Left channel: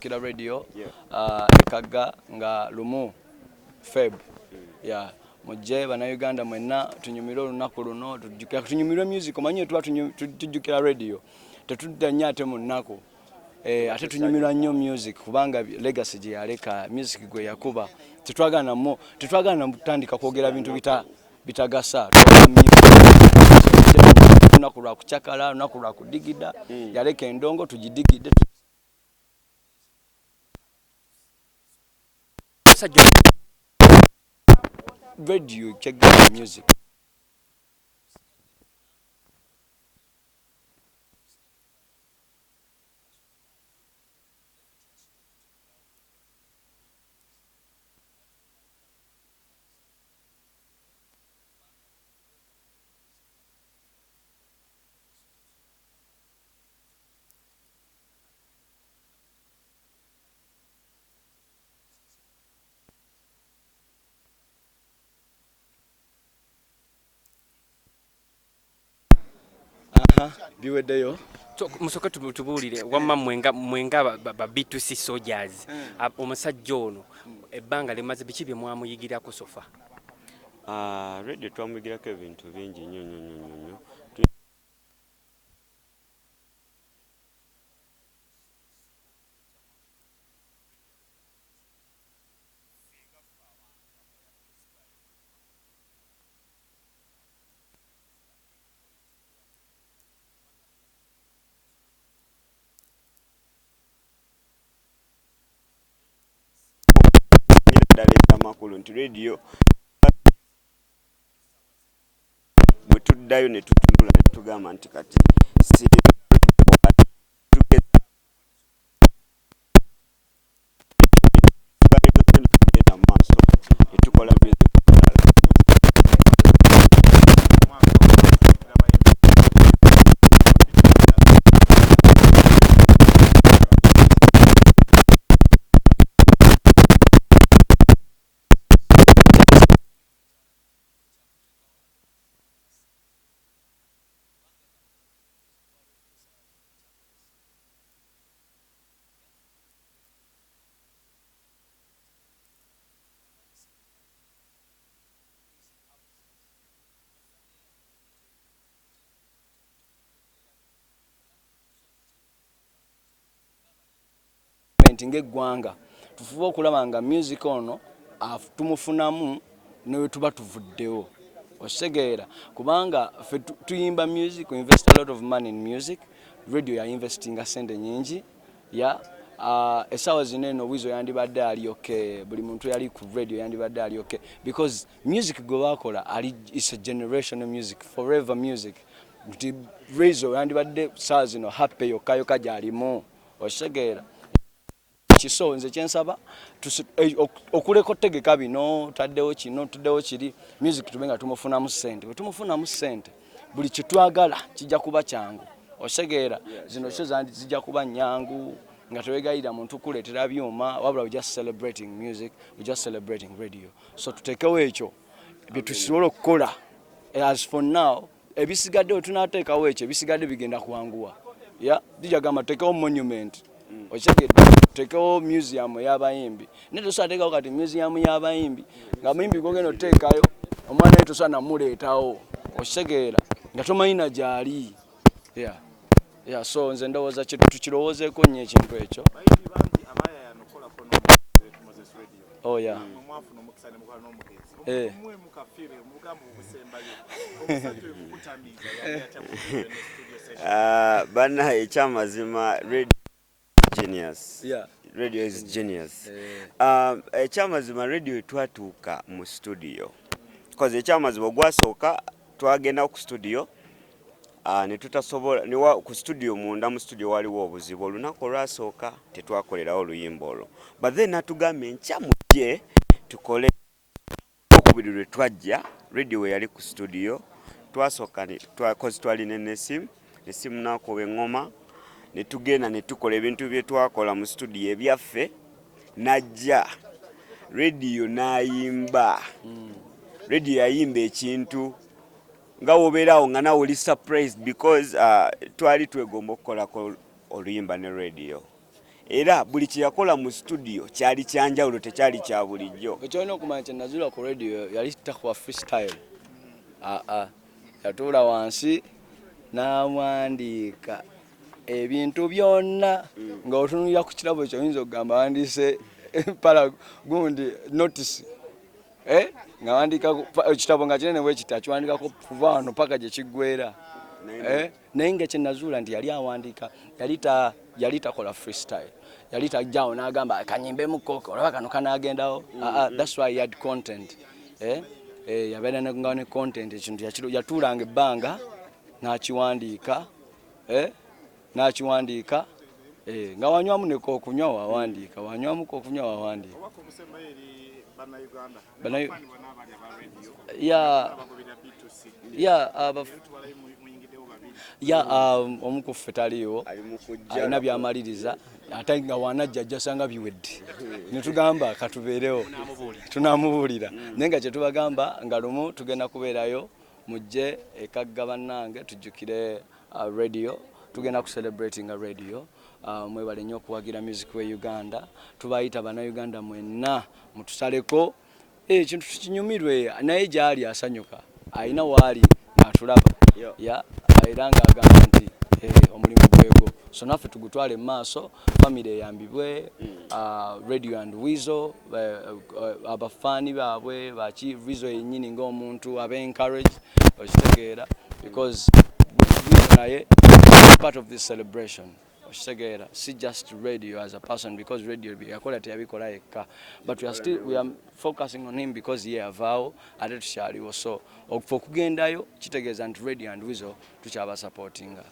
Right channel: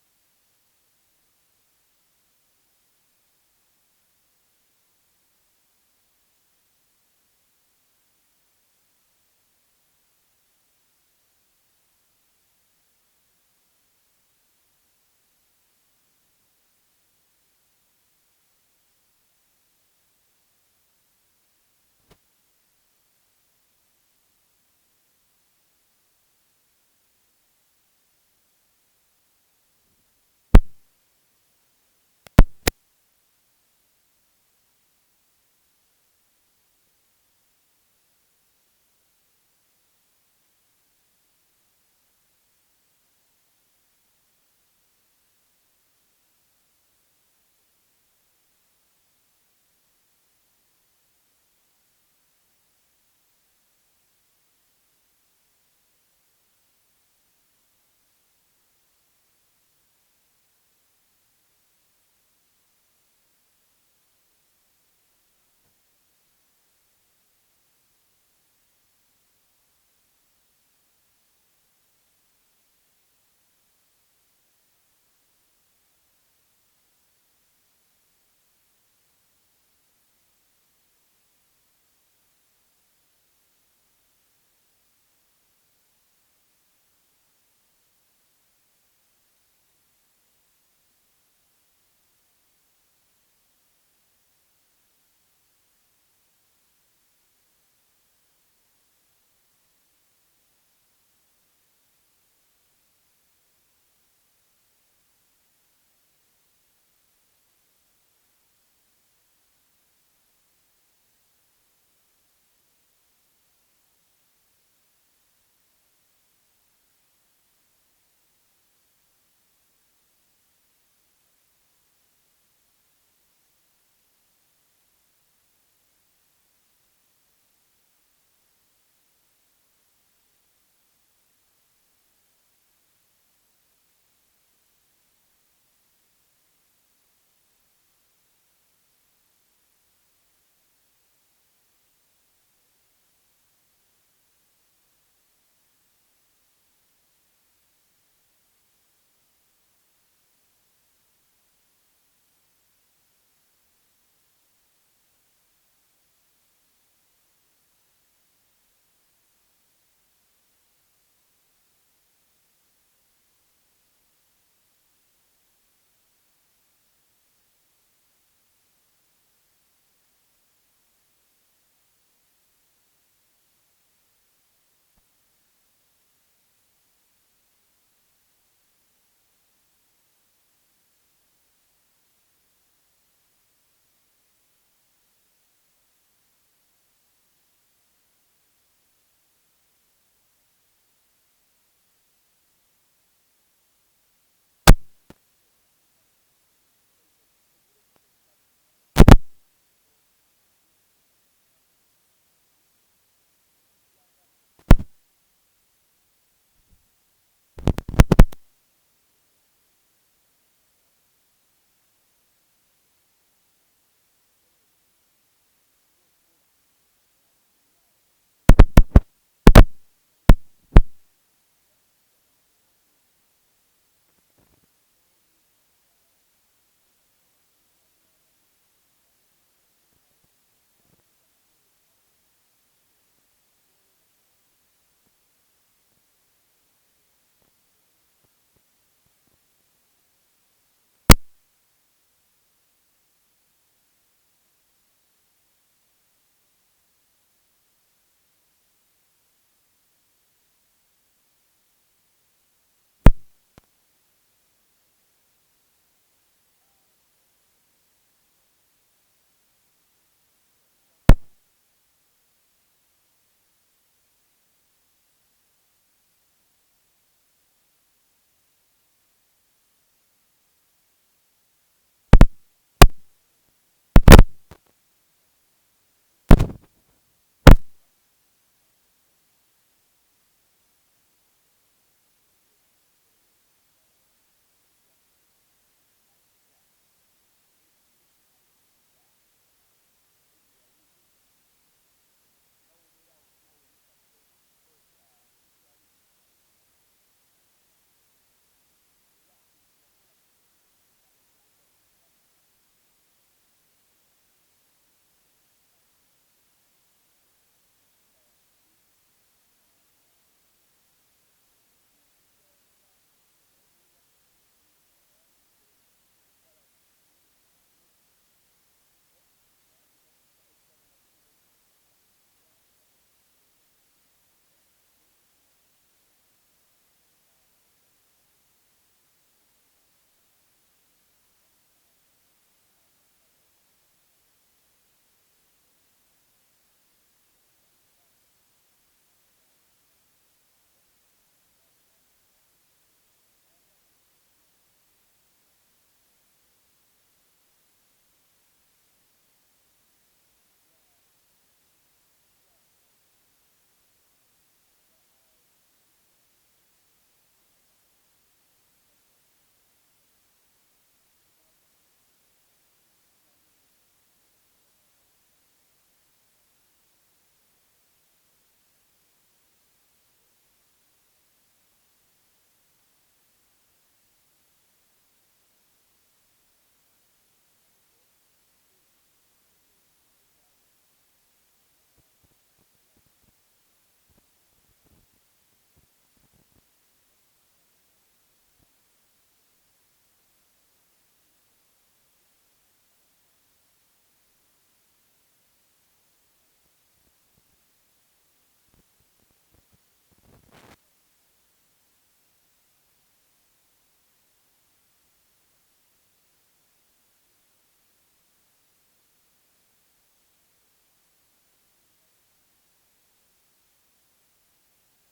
Kila radio ekaga nga lumu Feb ya mujje bana Uganda mwenna tunyumira olunaku luno tunyumira music omanyi tuba tujjukira radio tetudda ate mu nnaku ate tunyumira nnyo music kubanga legacy gye yaleka music gwe yakuba tetwagana mutandika kwogera bintu bitagasa lunaku lwa kucakala lunaku lwa kudigida yaleka endongo tugidigide radio check the music. Biweddeyo musoke tubulire wamma mwenga ba B2C soldiers omusajja ono ebbanga limaze biki bye mwamuyigirako sofa radio twamuyigirako ebintu bingi nnyo makulu nti radio bwe tuddayo ne tutunula ne tugamba nti kati tukola ng'eggwanga tufuba okulaba nga music ono tumufunamu ne tuba tuvuddewo osegeera kubanga fe tuyimba music we invest a lot of money in music radio ya investinga sente nyingi ya esawa zineno wizo yandibadde ali okay buli muntu yali ku radio yandibadde ali okay because music gwe bakola ali is a generational music forever music wizo yandibadde saa zino happy yokayoka gyalimu osegeera kiso nze kyensaba okuleko tegeka bino taddewo kino tuddewo kiri music tubenga tumufunamu ssente bwe tumufunamu ssente buli kitwagala kijja kuba kyangu osegeera zino kyo zijja kuba nyangu nga tewegayira muntu kuleetera byuma wabula we just celebrating music we just celebrating radio so tutekewo ekyo bye tusobola okukola as for now ebisigadde tunateekawo ekyo ebisigadde bigenda kuwanguwa dijagamba tekewo monument okyegedde tekewo museum y'abayimbi ne tusateekawo kati museum y'abayimbi nga muyimbi gogenda oteekayo omwana we tosana muleetawo osegeera nga tomanyina gyali so nze ndowooza tukirowoozeeko nnyo ekintu ekyo bana ekyamazima genius radio is genius ekyamazima radio etwatuuka mu studio because ekyamazima ogwasooka twagenda ku studio ne tutasobola ku studio munda mu studio waliwo obuzibu olunaku olwasooka tetwakolerawo oluyimba olwo but then natugambye nkyamujje tukole okubiri lwe twajja radio we yali ku studio twasooka twalina nesimu nakuba eŋŋoma ne tugenda ne tukola ebintu bye twakola mu studio ebyaffe najja radio n'ayimba radio yayimba ekintu nga wobeerawo nga nawe oli surprised because twali twegomba okukolako oluyimba ne radio era buli kye yakola mu studio kyali kyanjawulo tekyali kya bulijjo. Ekyolina okumanya kye nazuula ku radio yali takuwa freestyle. Yatuula wansi n'awandiika ebintu byonna nga otunulira ku kirabo ekyo oyinza okugamba awandiise para gundi notice nga wandiika ekitabo nga kinene bwe kiti akiwandiikako kuva wano paka gye kiggweera. Naye nga kye nazuula nti yali awandiika yali takola freestyle, yali tajjawo n'agamba kanyimbemu koko olaba kano kanaagendawo. That's why he had content. Yabeera nga ne content, ekintu yatuulanga ebbanga n'akiwandiika nga wanywamu ne kookunywa wawandiika, wanywamu kookunywa wawandiika. Omu ku ffe taliiwo alina byamaliriza ate nga wanajja ajja sanga biwedde ne tugamba katubeerewo tunaamubuulira. Naye nga kye tubagamba nga lumu tugenda kubeerayo mujje ekagga bannange tujjukire radio, tugenda kucelebratinga radio. Mwebale nnyo okuwagira music we Uganda. Tubayita bannayuganda mwenna mutusaleko ekintu tukinyumirwe, naye gy'ali asanyuka alina waali n'atulaba era ng'agamba nti omulimu gwego, so naffe tugutwale mu maaso, family eyambibwe, radio and Weasel abafaani baabwe baki Weasel yennyini ng'omuntu abe encourage okitegeera, because Weasel naye part of this celebration. Okitegeera, si just radio as a person, because radio yakola teyabikola yekka, but we are focusing on him because ye avaawo ate tukyaliwo, so okugendayo kitegeeza nti radio and Weasel tukyaba supportinga.